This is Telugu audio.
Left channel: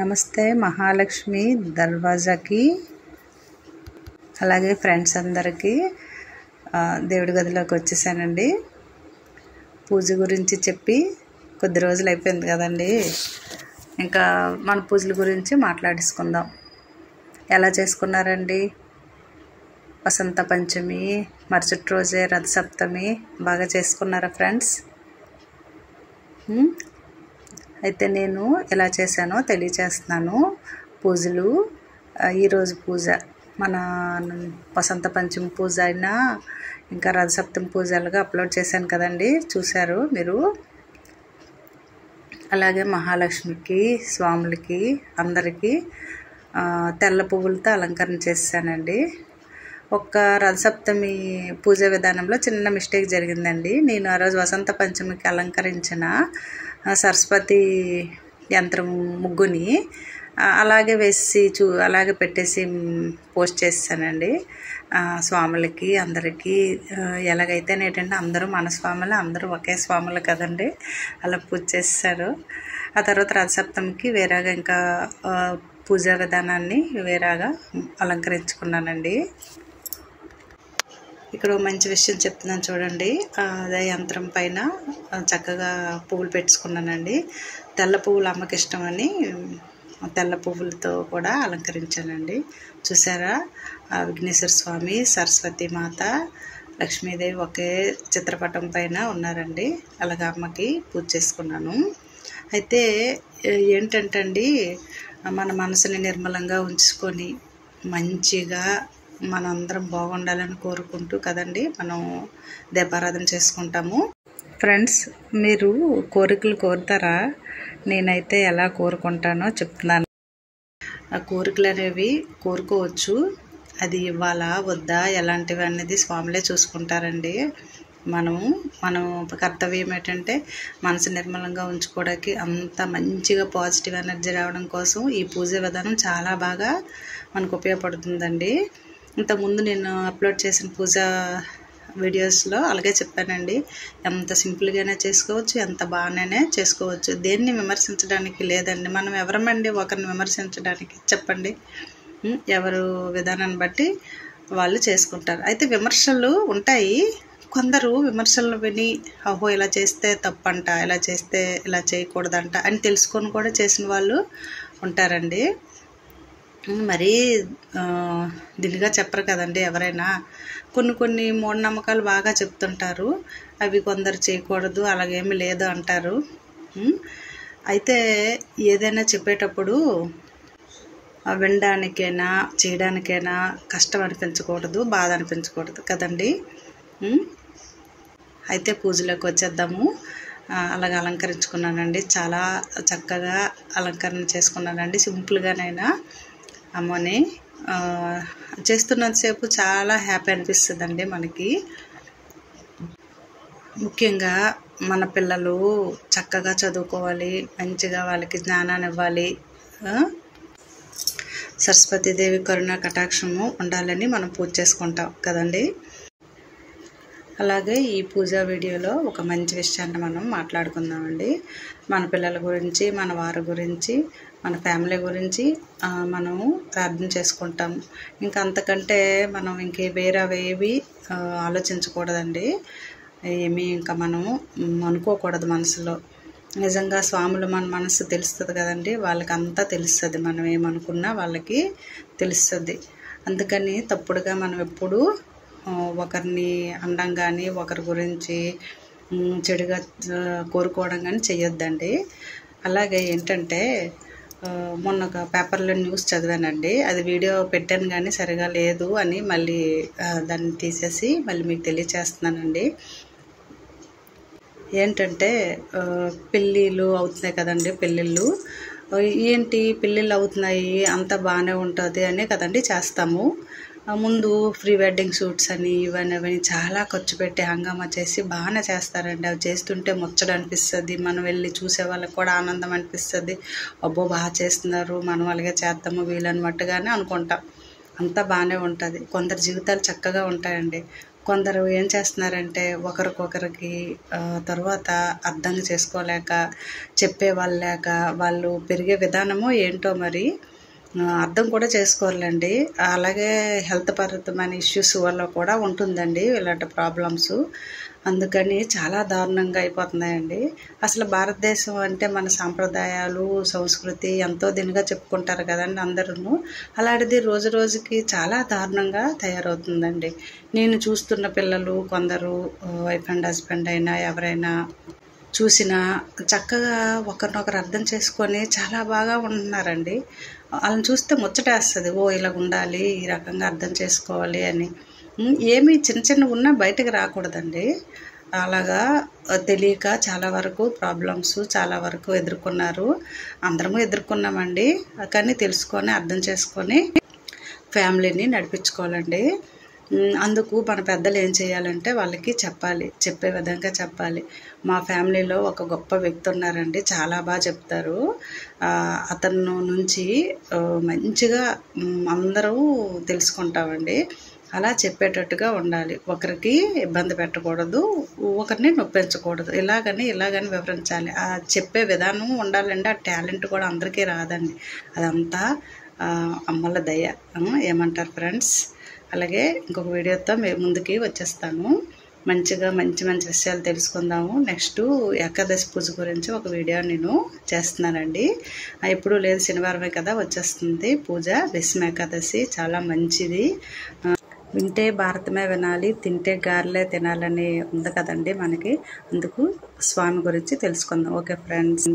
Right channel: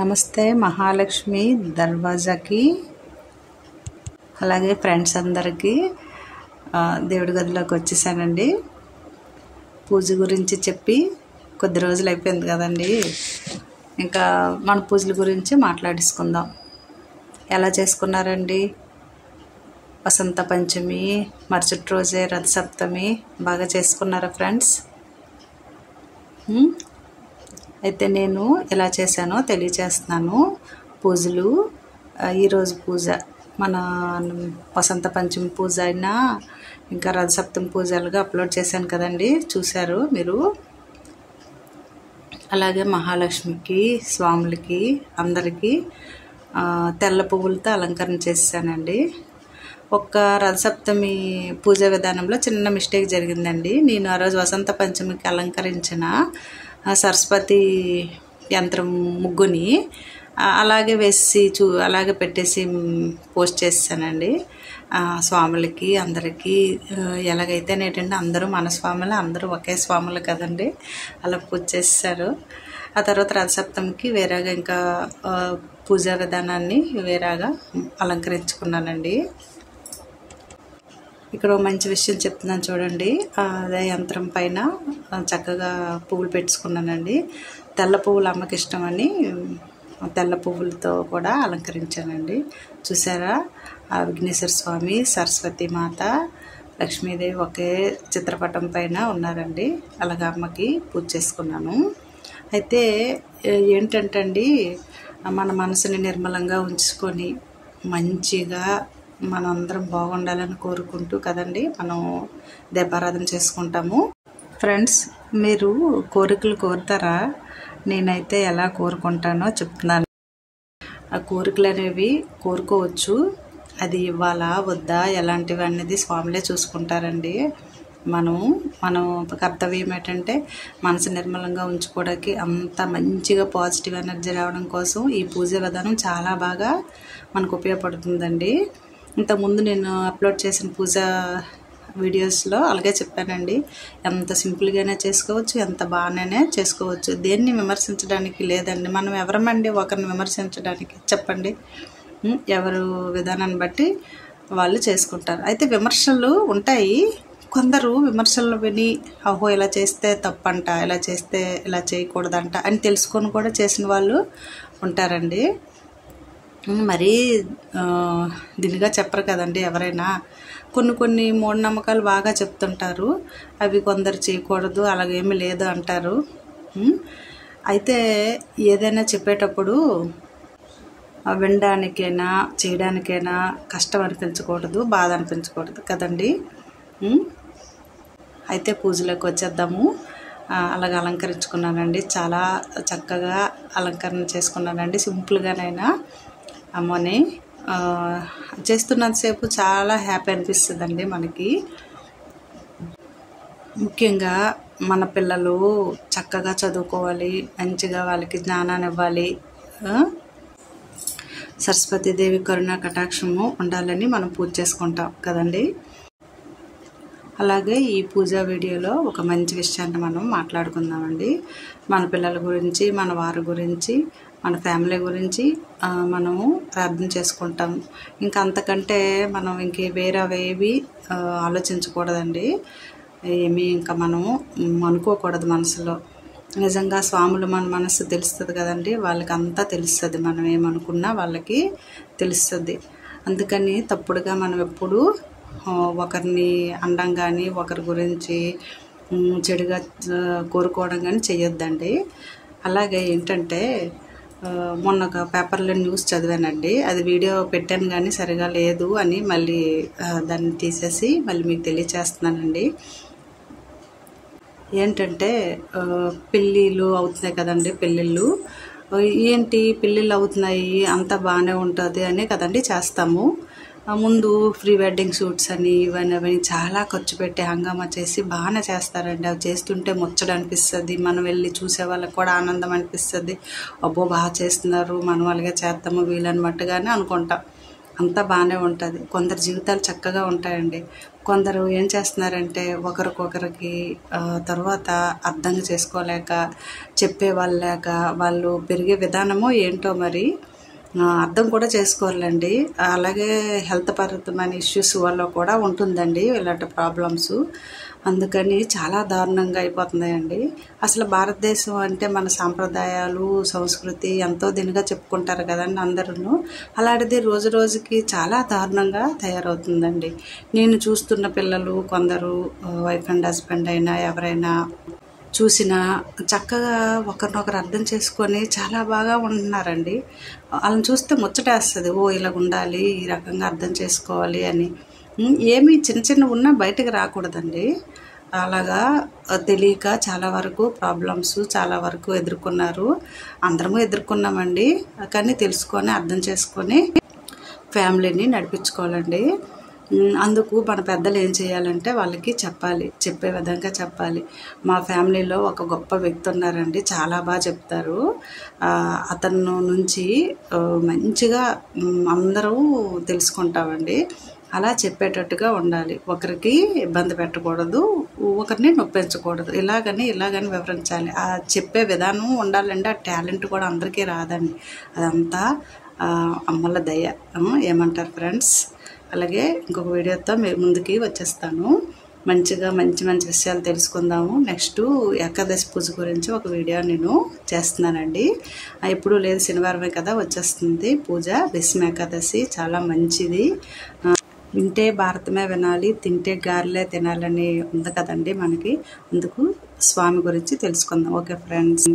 నమస్తే మహాలక్ష్మి దర్వాజాకి అలాగే ఫ్రెండ్స్ అందరికీ దేవుడి గదిలోకి వచ్చేసానండి. పూజ గురించి చెప్పి కొద్ది రోజులు అయిపోయింది కదండి. ఇంకా మన పూజల గురించి మాట్లాడేసుకుందాం. ఎలా చేసుకున్నారండి? వసంత పంచమి మరుసటి రోజే రథసప్తమి బాగా చేసుకున్నారా ఫ్రెండ్స్? అయితే నేను ఎలా చేశానో తెలియచేస్తున్నాను. పూజలు ఈరోజు పూజ మన వసంత పంచమి పూజ అయినా ఇంకా రథసప్తమి పూజలుగా అప్లోడ్ చేశాను కదండి, చూశారు మీరు. అలాగే మహాలక్ష్మికి స్వాములకి అందరికీ తెల్ల పువ్వులతో అలంకరణ చేశానండి. ఒక్క రథసప్తమి పూజ విధానంలో చిన్న మిస్టేక్ జరిగిందండి. నేను ఆ రోజు వసంత పంచమికి అలంకరించిన సరస్వతి యంత్రం ముగ్గుని అలాగే వేసి అలాగే పెట్టేసి పోస్ట్ చేశానండి. స్వాములకి అందరికీ ఎలాగైతే ఏంటంటే అందరూ మన స్వాములు, అందరూ ఒకే స్వాములు కదండి, అలా పూజ చేశారు. ఆ తర్వాత రథసప్తమికి వేరేగా ఇంకా పూజా విధానాన్ని వేరేగా అలంకరించుకున్నానండి. ఇక్కడ మంచి విషయం చెప్తున్నాను చూడండి. అదే యంత్రం పైన చక్కగా పువ్వులు పెట్టుకున్నానండి. తెల్ల పువ్వులు అమ్మకి ఇష్టమని తెల్ల పువ్వులతో కూడా అలంకరించానండి. చూసారా, విఘ్నేశ్వర స్వామి, సరస్వతి మాత, లక్ష్మీదేవి ఒకే చిత్రపటం పైన ఉన్నారండి. అలాగే అమ్మకి పూజ చేసుకున్నాను. అయితే ఏంటంటే అండి, మన మనసుని నిర్మలంగా ఉంచుకొని మంచిగా మనందరం బాగుండాలని కోరుకుంటూ కదండి మనం దీపారాధన చేసుకుంటాము. ఫ్రెండ్స్, మీరు కోరికలు కోరుతారా? నేనైతే ఎలా కోరుకుంటానో చెప్తున్నాను. ఆ కోరికలు అనేవి కోరుకోవచ్చు, అది ఇవ్వాలా వద్దా ఎలాంటివి అనేది స్వాములే చూసుకుంటారండి. మన కర్తవ్యం ఏంటంటే మనసు నిర్మలంగా ఉంచుకోవడానికి, అంత మంచిగా పాజిటివ్ ఎనర్జీ రావడం కోసం ఈ పూజ విధానం చాలా బాగా మనకు ఉపయోగపడుతుందండి. ఇంతకుముందు నేను అప్లోడ్ చేసిన పూజ వీడియోస్లో అలాగే చెప్పానండి. ఎంత సింపుల్గానే చేసుకోవచ్చు, ఎంత బాగానే చేసుకోవచ్చు. దేన్ని విమర్శించడానికి లేదండి. మనం ఎవరమండి ఒకరిని విమర్శించడానికి? చెప్పండి. ఎవరు విధానాన్ని బట్టి వాళ్ళు చేసుకుంటారు. అయితే విమర్శలు ఉంటాయి. కొందరు విమర్శలు విని అహో ఇలా చేస్తే తప్పంట, ఇలా చేస్తే ఇలా చేయకూడదంట అని తెలుసుకొని కూడా చేసిన వాళ్ళు ఉంటారండి. మరీ దినిగా చెప్పరు కదండి ఎవరైనా. కొన్ని మూఢనమ్మకాలు బాగా చెప్తుంటారు. అవి కొందరు చేయకూడదు, అలాగేమీ లేదు అంటారు. అయితే ఏదైనా చెప్పేటప్పుడు వినడానికైనా చేయడానికైనా కష్టం అనిపించకూడదు, బాధ అనిపించకూడదు కదండి. అయితే పూజలోకి వచ్చేద్దాము. అలాగ అలంకరించుకున్నానండి. చాలా చక్కగా అలంకరణ చేసుకున్నానండి. సింపుల్గానైనా అమ్మని చేస్తున్నంతసేపు చాలా హ్యాపీ అనిపిస్తుందండి మనకి. ముఖ్యంగా మన పిల్లలు చక్కగా చదువుకోవాలి, మంచిగా వాళ్ళకి జ్ఞానాన్ని ఇవ్వాలి, సరస్వతీదేవి కరుణా కటాక్షము ఉండాలని మనం పూజ చేసుకుంటాం కదండి. అలాగే ఈ పూజా వీడియోలో ఒక మంచి విషయాన్ని మనం మాట్లాడుకుందామండి. మన పిల్లల గురించి, మన వారి గురించి, మన ఫ్యామిలీ గురించి మనము ప్రార్థన చేసుకుంటాము. ఇంకా అంతకంటే మనం వేరేవేవి ఆలోచించకూడదండి. ఏమీ ఇంకా మనము అనుకోకూడదు మనసులో. నిజంగా స్వాములు మన మనసు తెలుస్తుంది కదండి, వాళ్ళకి అంతా తెలుస్తుంది. మనం ఏమనుకున్నా వాళ్ళకి తెలుస్తుంది. అందుకని తప్పుడుగా మనం ఎప్పుడూ ఒకరిని అనడం కానీ, ఒకరి గురించి చెడుగా కోరుకోవడం కానీ చెయ్యొద్దండి. అలాగే ఏంటంటే మొన్న ఒక పేపర్లో న్యూస్ చదివానండి. అది వీడియో పెట్టాను కానీ సరిగా లేదు అని మళ్ళీ దాన్ని తీసేసి మళ్ళీ మీకు తెలియచేస్తున్నానండి. ఏంటంటే పెళ్ళిళ్ళు అవుతున్నాయి కదండి. పెళ్ళిళ్ళు ఏంటి పెళ్ళిళ్ళు అవుతున్నాయి, అంతా బాగానే ఉంటుంది అనే కదండి చేస్తాము. ముందు ప్రీ వెడ్డింగ్ షూట్స్ అని ఇవన్నీ చాలా ఖర్చు పెట్టి హంగామా చేసి బాగానే చేస్తారండి. అవి చేస్తుంటే ముచ్చట అనిపిస్తుంది. మనం వెళ్ళి చూసే వాళ్ళకి కూడా ఆనందం అనిపిస్తుంది. అబ్బో బాగా చేస్తున్నారు, మనం అలాగే చేద్దాము వీలన్నట్టుగానే అనుకుంటాం. అంతా బాగానే ఉంటుంది. కొందరు జీవితాలు చక్కగా ఉంటాయండి. కొందరు ఏం చేస్తున్నారంటే ఒకరికొకరికి తర్వాత అర్థం చేసుకోలేక చెప్పేవాళ్ళు లేక వాళ్ళు పెరిగే విధానమో ఏంటో మరి అర్థం కూడా చేసుకోవాలండి. అలాగే హెల్త్ పరమైన ఇష్యూస్ వల్ల కూడా ఉంటుందండి ఇలాంటి ప్రాబ్లమ్స్. అందుకని చాలా దారుణంగా అయిపోతున్నాయండి. అసలు భారతదేశం అంటే మన సాంప్రదాయాలు సంస్కృతి ఎంతో దీనిగా చెప్పుకుంటారు కదండి అందరూ. అలాంటిది రోజు రోజుకి చాలా దారుణంగా తయారవుతుందండి. నేను చూస్తున్న పిల్లలు కొందరు వైఫ్ అండ్ హస్బెండ్ అయినా ఎవరైనా చూసినా చక్కగా ఒకరినొకరు అర్థం చేసుకొని చాలా బాగా ఉంటున్నారండి. వాళ్ళని చూస్తే ముచ్చటేస్తుంది, ఓ ఇలాగ ఉండాలి, ఈ రకంగా అర్థం చేసుకోవాలి అని. ఏమి చిన్న చిన్న ఉన్నా బయటకు రాకూడదండి. అలాగా తెలియక చాలా వరకు ప్రాబ్లమ్స్ చాలా వరకు ఎదుర్కొన్నారు. అందరము ఎదుర్కొన్నామండి. కానీ తెలుసుకొని అర్థం చేసుకొని ఫ్యామిలీని నడిపించుకోవాలండి. అందుకు మన పెద్దలు ఏం చేయాలంటే వాళ్ళకి చెప్పాలి, చెప్పే విధంగా చెప్పాలి. మా ఫ్యామిలీలో ఒక గొప్ప వ్యక్తి ఉన్నారండి, చాలా బాగా చెప్తారు. అతను నుంచి మంచిగా అందరూ తెలుసుకుంటామండి. అలా చెప్పేటట్టుగా ఉండాలి. ఒకరికి ఇబ్బంది పెట్టకూడదు, ఒకరిని నొప్పించకూడదు. ఇలాగని వివరించాలి. ఆ చెప్పే విధానం ఉండాలండి. ఆ టాలెంట్ కూడా అందరికీ రాదండి. అదంతా అమ్మల దయ. ఏమంటారు ఫ్రెండ్స్? అలాగే ఇంకొక వీడియోతో మీరు ముందుకి వచ్చేస్తాను. మంచిగా మంచి మంచి విషయాలు తెలుసుకుందాము. నెక్స్ట్ ఏకాదశి పూజ గురించి ఒక వీడియో నేను చేస్తున్నానండి. ఇప్పుడు లేదు, శనివారమే కదా వచ్చేస్తుంది పూజ. భీష్మ ఏకాదశి చాలా మంచిది. వింటే భారతమే వినాలి, తింటే గారెలే తినాలని ఉంది కదండి మనకి. అందుకు స్వామి గురించి తెలుసుకుందాం. Okay friends.